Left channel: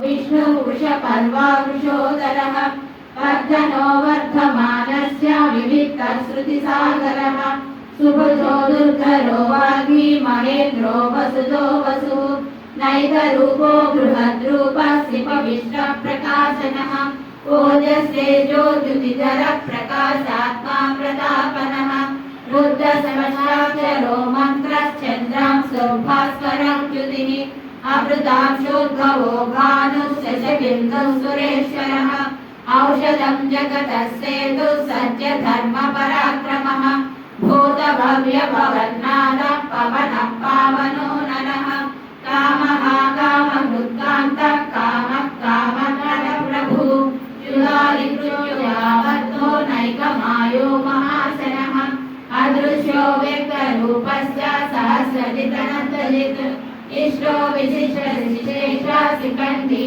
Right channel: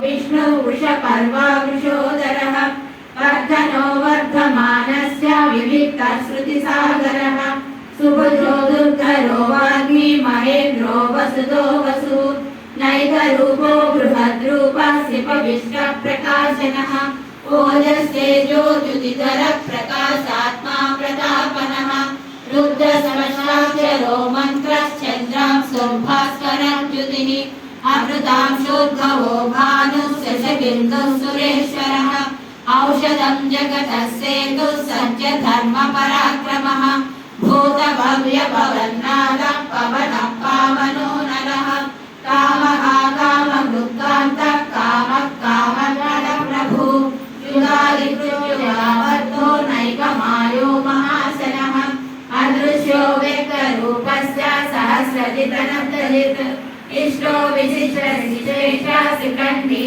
विष्णु वृषपर्वा वृषोदरः वर्धनो वर्धमानस्य विविक्तश्रुतिसागरः सुभद्रो दुर्धरो वाग्मी महेन्द्रो वसुतो वसुः नैकरूपो बृहद्रूपः शिवविष्टप्रकाशनः ओजस्तेजो द्युतिधरः प्रकाशात्मा प्रतापनः रुद्रसमशाक्षरो मन्त्रश्चन्द्रांशुर्भास्करः द्युतिः अमृतांशोद्भवो भानुः शशबिन्दुः सुरेश्वरः औषधं जगतः सेतुः सत्य धर्म पराक्रमः भूतभव्यभवन्नादः पवनः पावनो नरः कामः कामभृत्कान्तः कामः कामप्रदः प्रभुः युगादित्युगावद्धो नैकमायो महाशनः अदृश्यो व्यक्तरूपस्य सहस्रजितनन्तरित् इष्टो विशिष्टश्रेष्ठः श्रीकण्ठी